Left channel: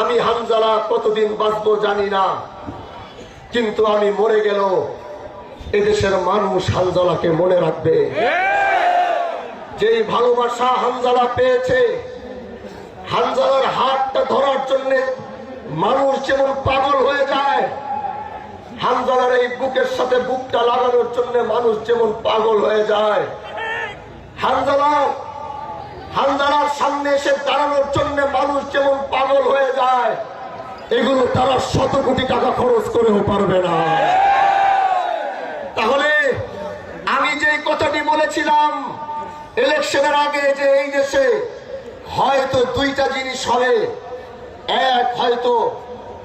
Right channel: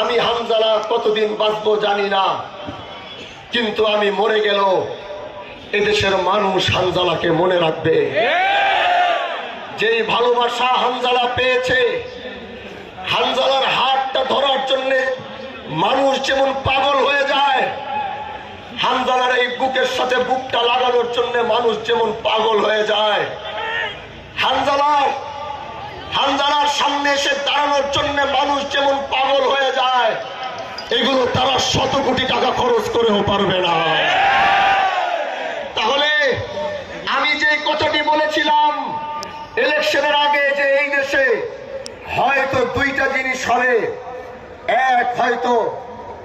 আমি হানজালা কতদিন বাঁচবো জানি না, কিন্তু আমি মরে গেল এদেশের মানুষ হানজালাকে মনে রাখবে। যেই ভালোবাসা হানজালা পেয়েছে, হানজালার হাতটা ধরার জন্য মানুষ যেমন পাগল হয়ে যায়, হানজালার এই বুকের সাথে বুকটা লাগানোর জন্য মানুষ যেমন পাগল হয়ে যায়, হানজালার সামনে এসে দাঁড়ানোর জন্য মানুষ যেমন পাগল হয়ে যায়, এগুলো তারা 100 কোটি টাকা খরচ করেও পারবে না। তাহলে আমি যে কথাটি বলেছিলাম ইলেকশনের আগে, যে এই দেশে হয়তো দুইটা জিনিস হবে, এক হয়তো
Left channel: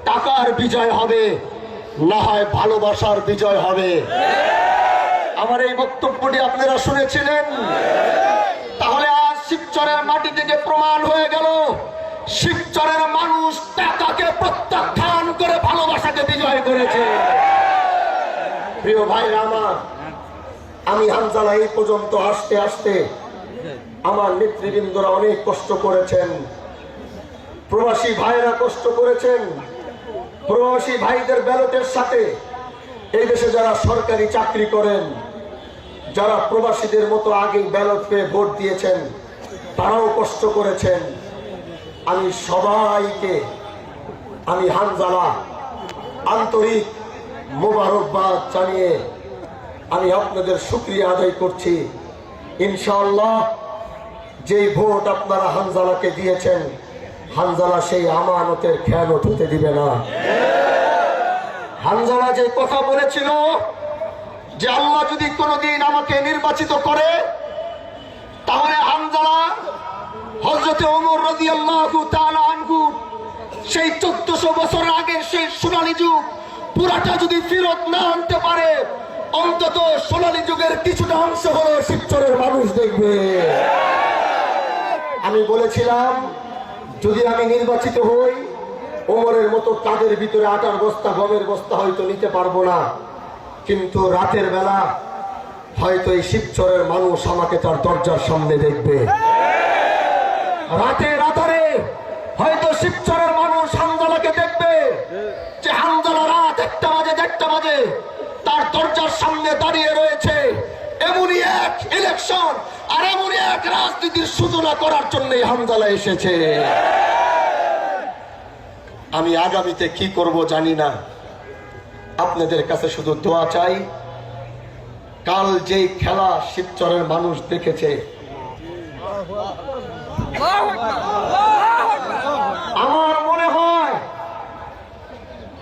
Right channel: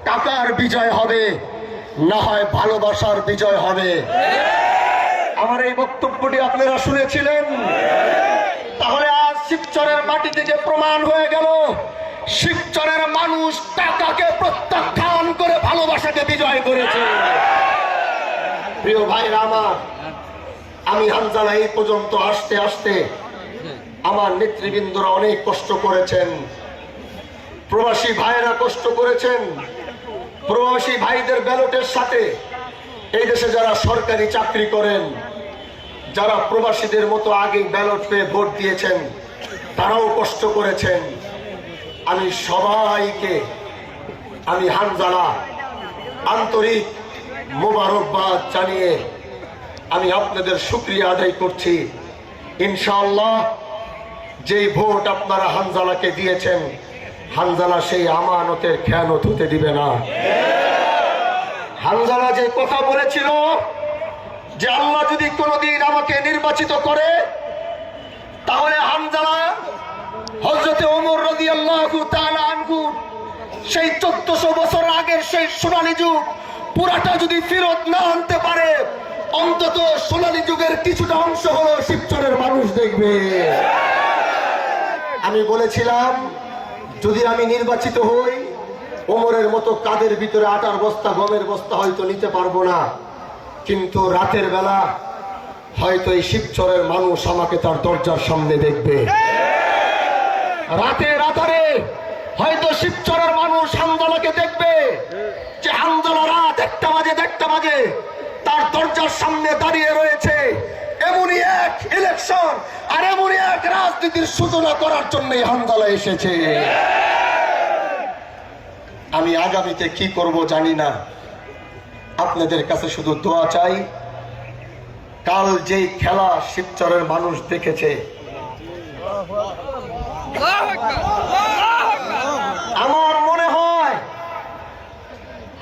টাকার বিজয় হবে, না হয় ভালোবাসার বিজয় হবে। আমার এই বক্তব্যটি আপনারা শুনেছিলেন। তাহলে আজ শিবচরের মাটি থেকে প্রমাণ হয়ে গেল, শিবচরের মানুষ টাকাকে প্রত্যাখ্যান করে ভালোবাসাকে বিজয় করেছে। প্রিয় ভাইরা আমার, আমি হানজালা এই পর্যন্ত আসতে আসতে আমার নেতৃবৃন্দরা অনেক কষ্ট করেছেন, প্রবাসী ভাইরা কষ্ট করেছেন। প্রবাসী ভাইদের ব্যালটের সাথে এই দেশে যারা সরকারি চাকরি করেন, যারা প্রবাসীদের মতো আগে ব্যালট পেয়ে ভোট দিয়েছেন, তারাও কষ্ট করেছেন। আমি সবাইকে, আমি হানজালা আন্তরিক মোবারকবাদ জানিয়ে আমি আপনাদের শুকরিয়া আদায় করছি। ইনশাআল্লাহ যেই ভোট আপনারা হানজালাকে দিয়েছেন, হানজালা সেই আমানতের খেয়ানত হতে দিবে না। হানজালা যে কথা বলেছিল যে আল্লাহ যদি কোনোদিন আমাকে নির্বাচিত করে, তাহলে হানজালা হযরত ওমর রাদিয়াল্লাহু তাআলা আনহু সেই 1400 বছর আগের সেই সোনালী যুগ পুরাটা যদি ফেরত না আনতে পারে, অন্তত সোনালী যুগের কিছুটা অংশ হলো শিবচরের মানুষ দেখবে। আমি বলেছিলাম যদি আমি নির্বাচিত হই, ওমরের মতো কাদের ভিতরে আটার বস্তা গমের বস্তা হয়তো নিতে পারবো না, কিন্তু রাতের বেলা হয়তো এই শিবচরের মানুষ আমাকে তার দরজার সামনে দেখবে। রাতের আধারে হয়তো শিবচরের মানুষ হানজালাকে দেখবে, যে হানজালা রাত 1টা বাজে তার দরজার সামনে দাঁড়িয়ে রয়েছে। এমনই এক ইলেকশন আর এমনই এক রাজনীতির সূচনা করার জন্য হানজালা এসেছে। আমি আগামীতে কি করব জানি না, আপনাদের কাছে শুধু দোয়া চাই। কাল যেই খেলা শিবচরের মানুষ দেখেছে, আমার মনে হয়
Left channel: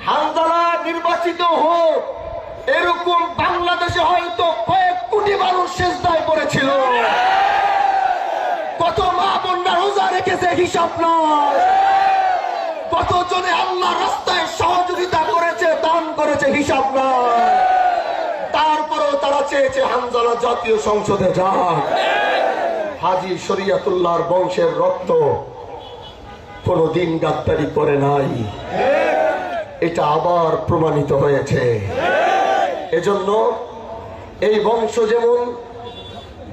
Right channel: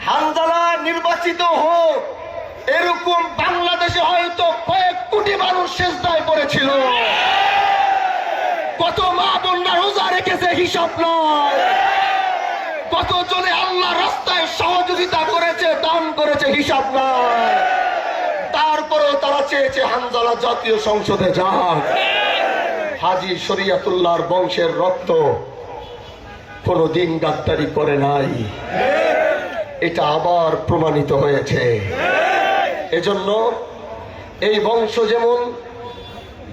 হানজালা নির্বাচিত হোক, এরকম বাংলাদেশে হয়তো কয়েক কোটি মানুষ সেজদায় পড়েছিল। কত মা বোনরা রোজা রেখেছে হিসাব নয়, কতজনে আল্লাহ রাস্তায় সহযোগিতা করেছে, দান করেছে হিসাব নয়। তারপরেও তারা চেয়েছে হানজালা জাতীয় সংসদে যাক। হাজী শরিয়তুল্লাহর বংশের রক্ত কোনদিন গাদ্দারি করে নাই, এটা আবার প্রমাণিত হয়েছে। এজন্য এই বংশ যেমন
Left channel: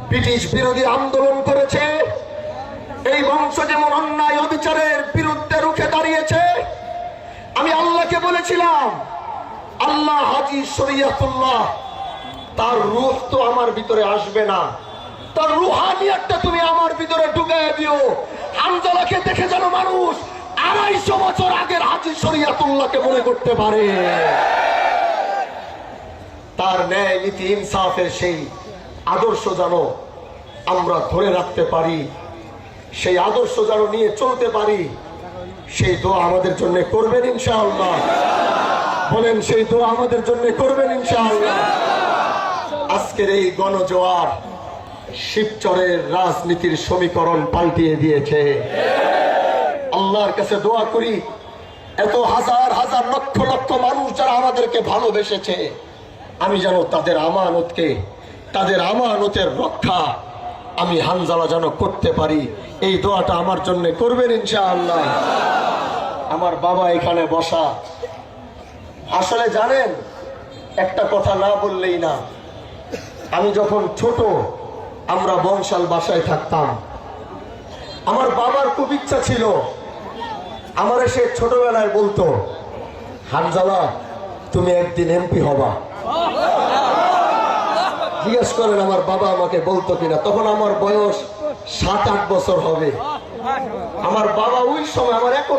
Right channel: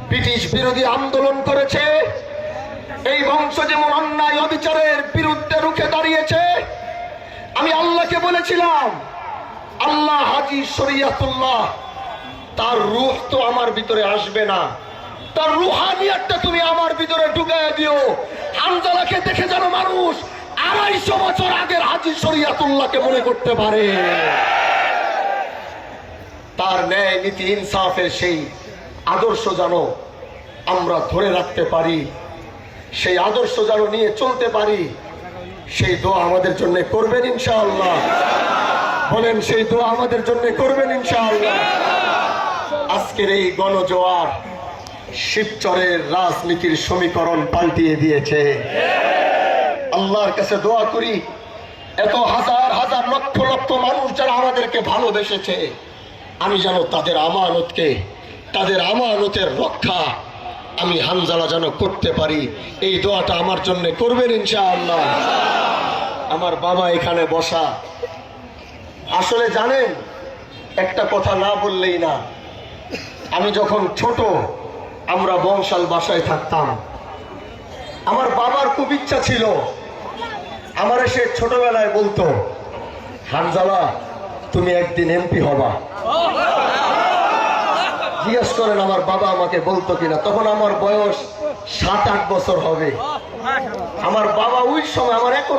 ব্রিটিশ বিরোধী আন্দোলন করেছে, এই বংশ যেমন অন্যায় অবিচারের বিরুদ্ধে রুখে দাঁড়িয়েছে। আমি আল্লাহকে বলেছিলাম, আল্লাহ হাজী শরিয়তুল্লাহ তার রূহ তো আমার ভিতরে আসবে না, তার রুহানিয়াতটা তুমি আমার ভিতরে ঢুকায় দিও। হানজালাকে দেখে যেন মানুষ 250 বছর আগের হাজী শরিয়তুল্লাহকে মনে করতে পারে। তার ন্যায় নীতি ইনসাফের সেই আদর্শ যেন আমরা ধরে রাখতে পারি, সেই আদর্শ যেন নিয়ে চলতে পারি। সেই দোয়া আমাদের জন্য করবেন ইনশাআল্লাহ। বলেন, সেই দোয়া আমাদের জন্য করবেন ইনশাআল্লাহ। আজকের এই গণজোয়ার শিবচরের রাজনীতির সমীকরণ পাল্টিয়ে দিয়েছে। আল্লাহর কাছে দোয়া করি, এত হাজার হাজার লক্ষ লক্ষ মানুষ যারা আমাদেরকে ভালোবেসেছে, আমি যেন তাদের আমানতকে, তাদের আমানতের রক্ষা আমি হানজালা যেন করতে পারি। এই দোয়াটা আমার জন্য করবেন ইনশাআল্লাহ। আমার বাবা এখানে বসা। আসলে জানেন, একটা কথা না বললেই না, আমি যখন ছোট আমরা বংশাল বাসায় থাকতাম। আমার বাবার খুব ইচ্ছা ছিল আমার সে ছোটবেলায় বলতো, হানজালা তুমি একদিন এমপি হবা। জিজ্ঞেস করেন আমার বাবা আমাকে বলতো কিনা, তখন আমার বয়স 7-8 বছর হবে। আমার বাবা ওই সময় আমার এখন